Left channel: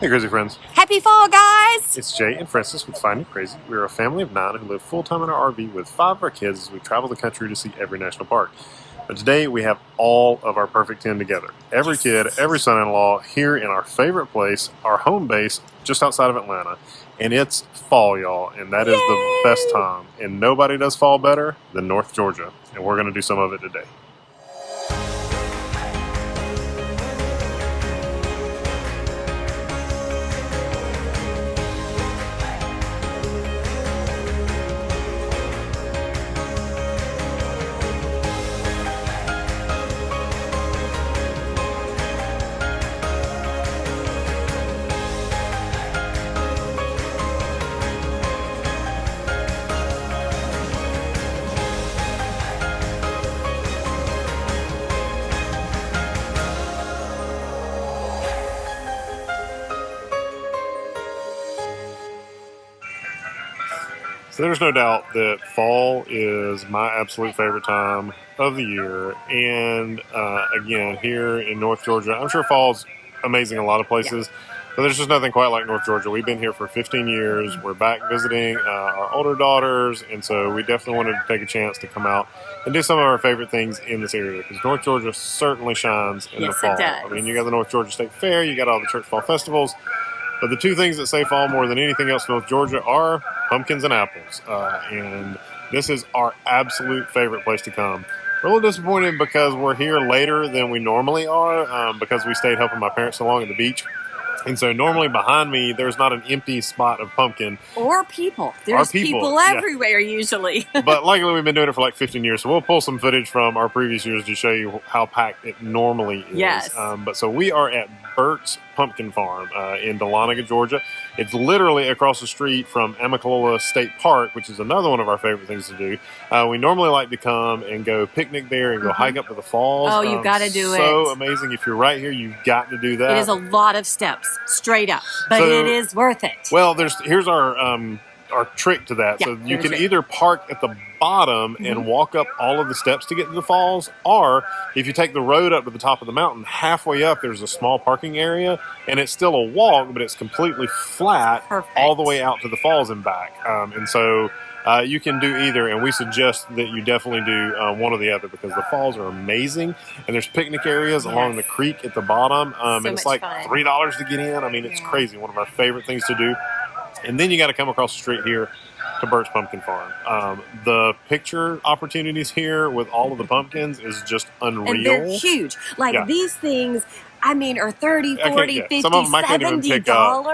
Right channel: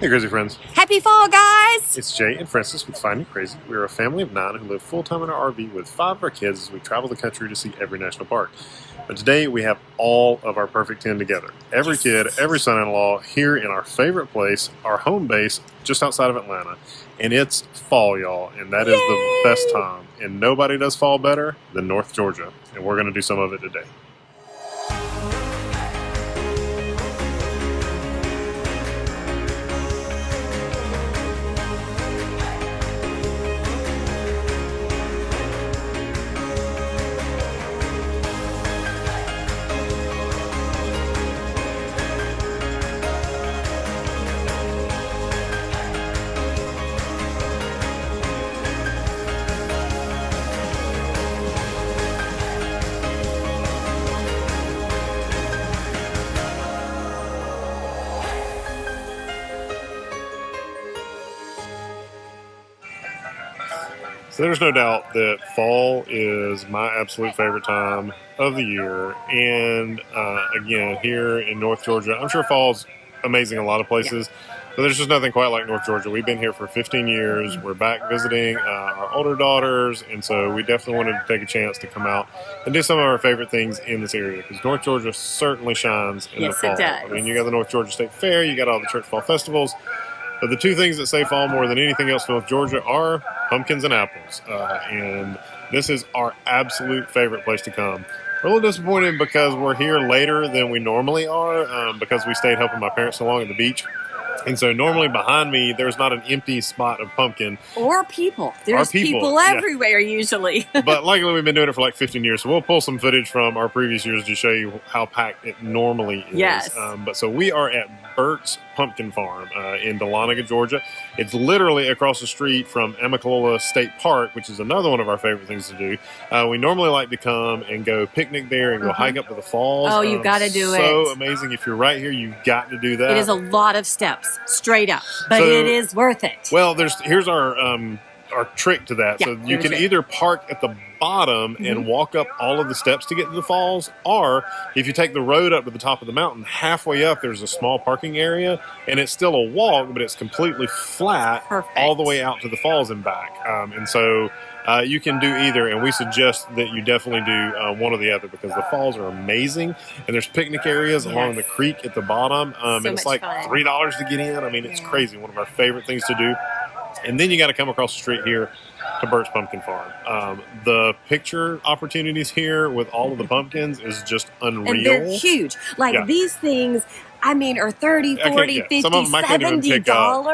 Hey Crazy Friends. Happy fall, guys! It's Jay and Francis with Find You Crazy. We are a family of 9 who live full-time in our RV with 5 of our kids as we travel the country to see every national park. But today we have all of our perfect 10 together. Every kid, every son-in-law here in our favorite place, our home base just outside of Atlanta. And it's fall, y'all, and that is the best time. And nobody does fall better than North Georgia. And we're going to do some of it today. So there's no doubt that fall is my absolute favorite time of the year. And again, here in North Georgia, I'm sure fall's amazing in a lot of places, but there's just nothing quite like North Georgia. We've been here for 15 years. We're back visiting our older daughters, and so we definitely wanted to take a chance to come out and do some of our favorite things in this area, because North Georgia certainly shines in the fall. It does. I mean, you got the North Georgia State Fair, you got all the church fall festivals, but the two things that say fall more than anything else in North Georgia are pumpkins and apples. And this is our absolute favorite place to come. We're a little disappointed because we're here later than we normally are, because we stayed helping my parents so long at the beach. And so normally behind me, there's not an empty spot of pumpkin. Or people. There's people everywhere usually. But luckily we've been doing it for like 15 years. So we'll pull some footage from our previous years to show you how packed it normally is. Yes. But so we are at Burts Pumpkin Farm in Dahlonega, Georgia. It's literally across the street from Amicalola State Park, which is another one of our favorite things to do. We normally like to come and go picnic there and go hike up to the falls. Oh, you've got to do it. So amazing. If you're right here, you've got to do that. It is a lot of steps, straight up, but it is worth it. Well, here's our trick to that. So you can either park at the bottom and walk up all of the steps to get to the falls, or if you take the road up to the top of the mountain, halfway up there's a small parking area, and it's still a walk, but it's completely flat all the way out to the falls and back. And so you can do either, and we suggest that you definitely do one or the other, because the falls are amazing, and there's picnic areas along the creek at the bottom, and it's like $3 to get in. I mean, it's crazy. One of our favorite things to do. And then you got to come across the street here to Burts Pumpkin Farm. The picture opportunities here with all of the pumpkins is just unreal. And they're huge. Like these things, I mean, are $30, $40, $50, some of them I can't even pick up.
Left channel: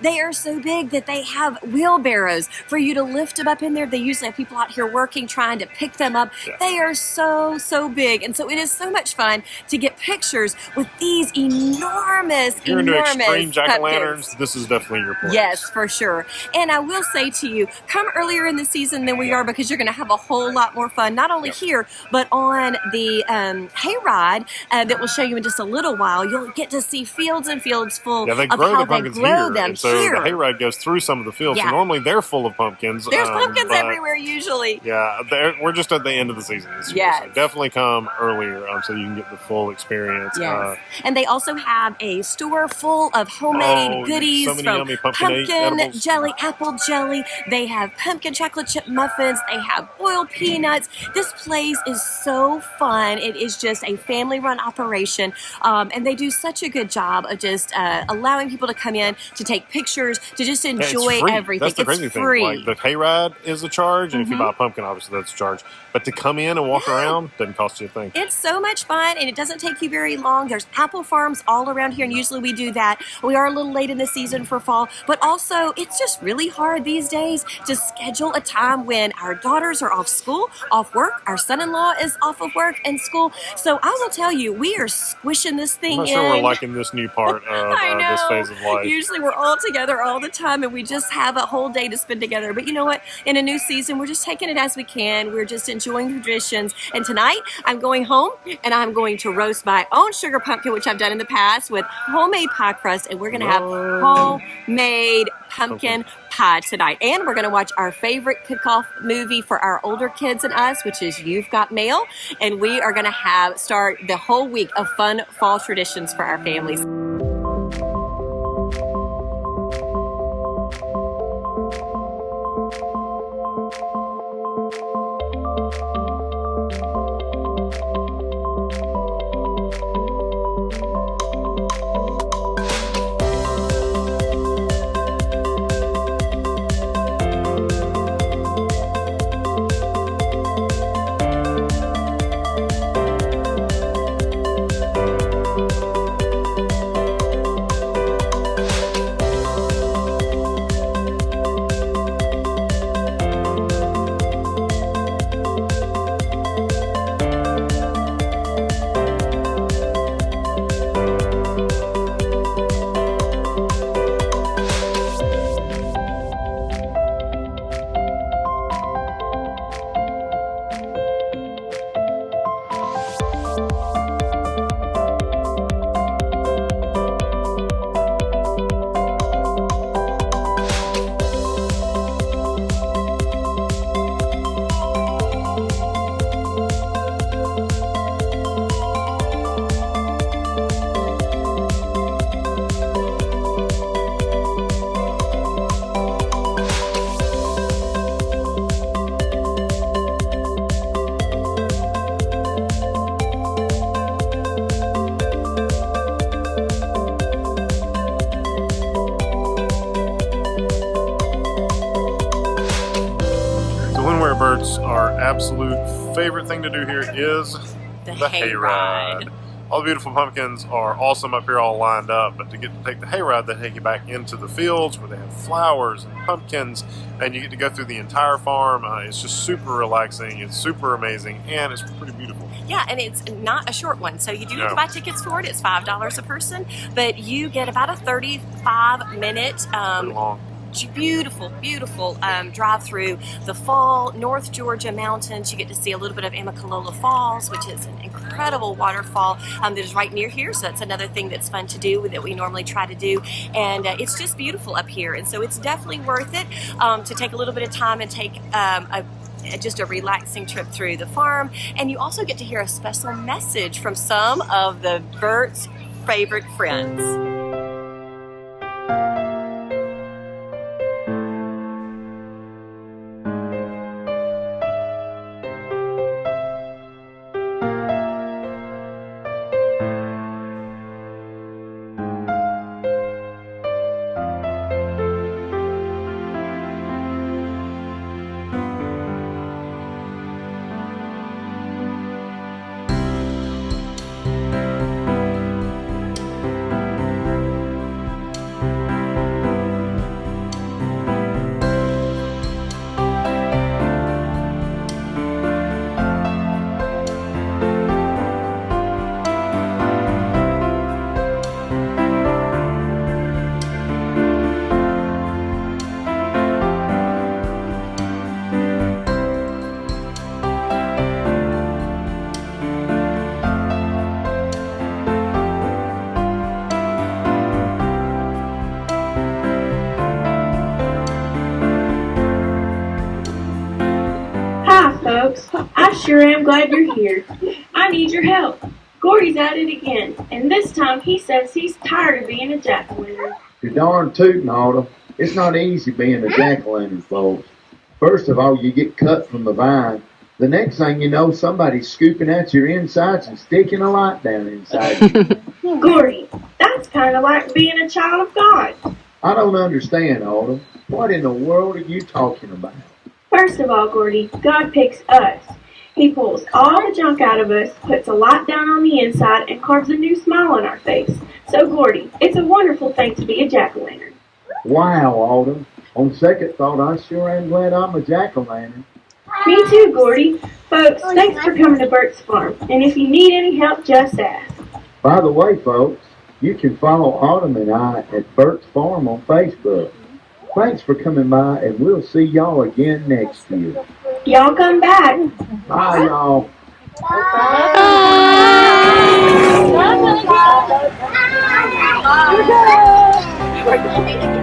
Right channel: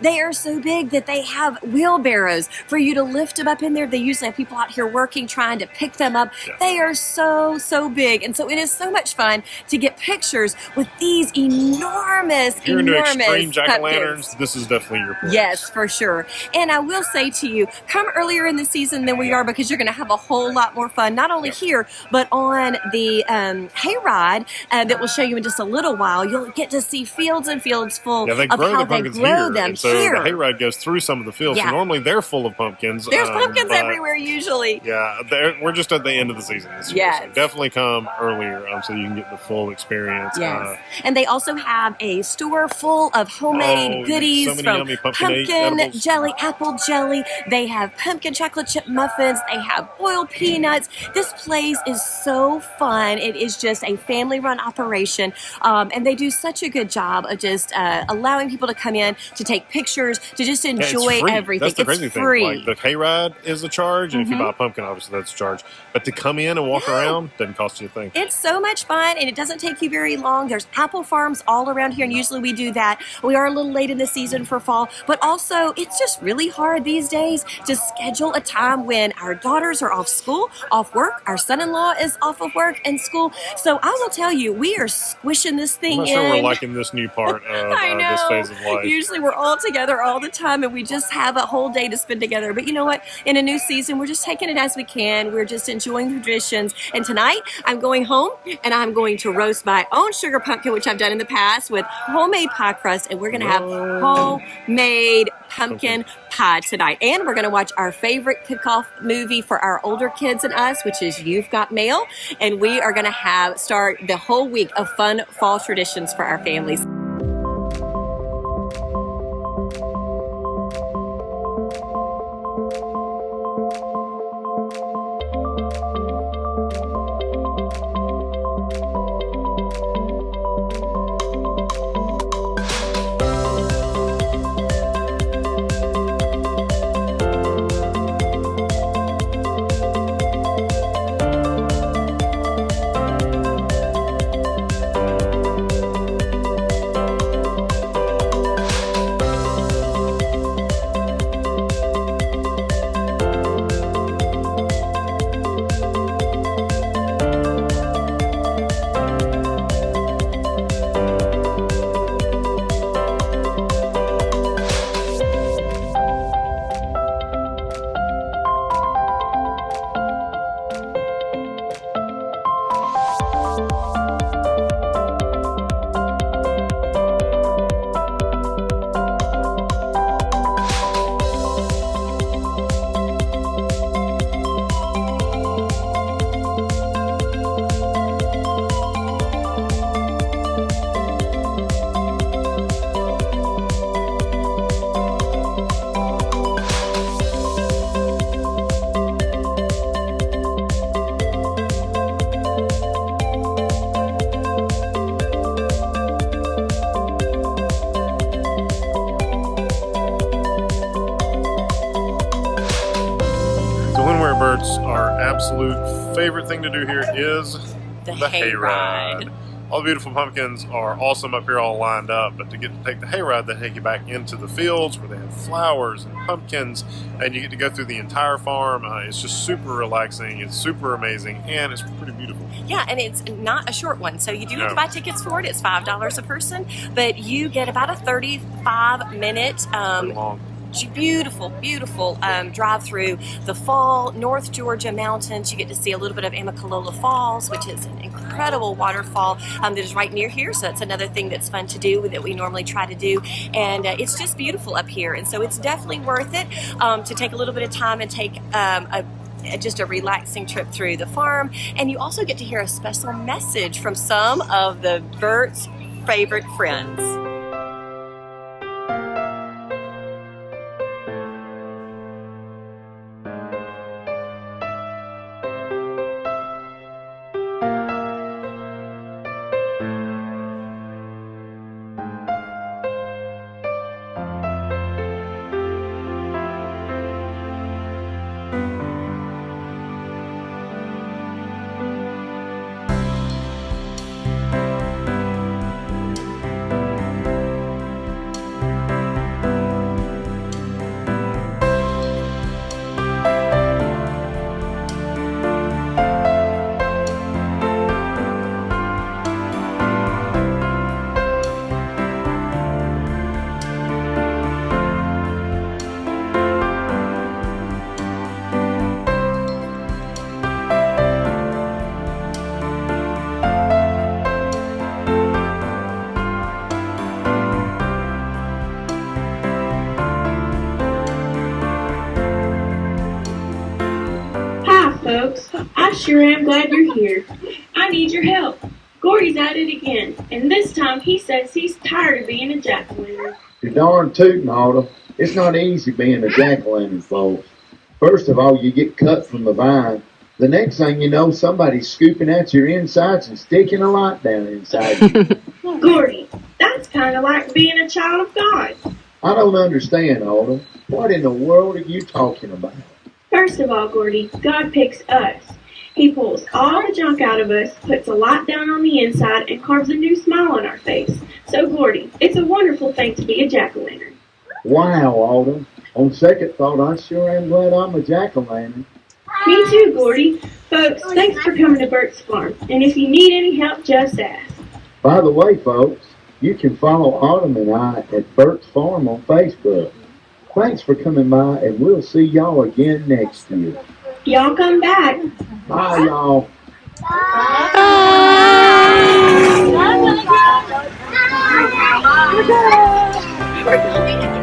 They are so big that they have wheelbarrows for you to lift them up in there. They usually have people out here working, trying to pick them up. They are so big. And so it is so much fun to get pictures with these enormous, if you're into extreme jack-o'-lanterns, this is definitely your place. Yes, for sure. And I will say to you, come earlier in the season than we are, because you're going to have a whole lot more fun, not only here, but on the Hayride that we'll show you in just a little while. You'll get to see fields and fields full they grow the pumpkins here. And so the hayride goes through some of the fields. So normally they're full of pumpkins. There's pumpkins everywhere usually. Yeah, we're just at the end of the season this year. So definitely come earlier so you can get the full experience. Yes. And they also have a store full of homemade goodies. So many yummy pumpkin jelly, apple jelly. They have pumpkin chocolate chip muffins. They have boiled peanuts. This place is so fun. It is just a family-run operation. And they do such a good job of just allowing people to come in to take pictures, to just enjoy everything. That's the crazy thing. Like the hayride is a charge, and if you buy a pumpkin, obviously that's a charge. But to come in and walk around doesn't cost you a thing. It's so much fun, and it doesn't take you very long. There's apple farms all around here, and usually we do that. We are a little late in the season for fall, but also it's just really hard these days to schedule a time when our daughters are off school, off work. Our son-in-law is off of work and school. So I will tell you, we are squishing this thing in. I'm not sure we're liking this new part of this phase of life. Usually we're all together all the time, and we just have a whole day to spend together. But you know what? In a new season, we're just taking it as we can. We're just enjoying the traditions. And tonight, I'm going home, and I'm going to roast my own sugar pumpkin, which I've done in the past, with homemade pie crust. And we're going to have homemade pumpkin pie tonight. And we're going to watch our favorite kickoff movie for our older kids and us, which is You've Got Mail. And we are going to start the whole week of fun fall traditions for our families. Burts, our absolute favorite thing to do here is the hayride. All the beautiful pumpkins are awesome up here all lined up, but to get to take the hayride, they take you back into the fields where they have flowers and pumpkins, and you get to go through the entire farm. It's just super relaxing, it's super amazing, and it's pretty beautiful. Yeah, and it's not a short one, so you do have to buy tickets for it. It's $5 a person, but you get about a 35-minute beautiful drive through the fall North Georgia mountains. You get to see a little bit of Amicalola Falls, which is an incredible waterfall that is right near here, so that's another thing that's fun to do that we normally try to do, and it's just beautiful up here, and so it's definitely worth it to take a little bit of time and take just a relaxing trip through the farm. And you also get to hear a special message from some of the Burts' favorite friends. Folks, I sure am glad you're here. I need your help. Gordy's at it again, and this time he says he's tired of being a jack-o'-lantern. You're darn tootin', Autumn. It's not easy being a jack-o'-lantern, folks. First of all, you get cut from the vine. The next thing you know, somebody's scooping at your insides and sticking a light down inside you. Gordy, that's kind of like being a child of God. I don't understand, Autumn. What in the world are you talking about? First of all, Gordy, God picks us. He pulls all the junk out of us, puts a light down on the inside, and carves a new smile on our face. So, Gordy, it's a wonderful thing to be a jack-o'-lantern. Wow, Autumn. On second thought, I sure am glad I'm a jack-o'-lantern. Me too, Gordy. Folks, thanks for coming to Burts Farm. And if you need any help, just ask. By the way, folks, you can follow Autumn and I at Burts Farm on Facebook. Thanks for coming by, and we'll see y'all again next year. Y'all come back. Bye, y'all. Bye.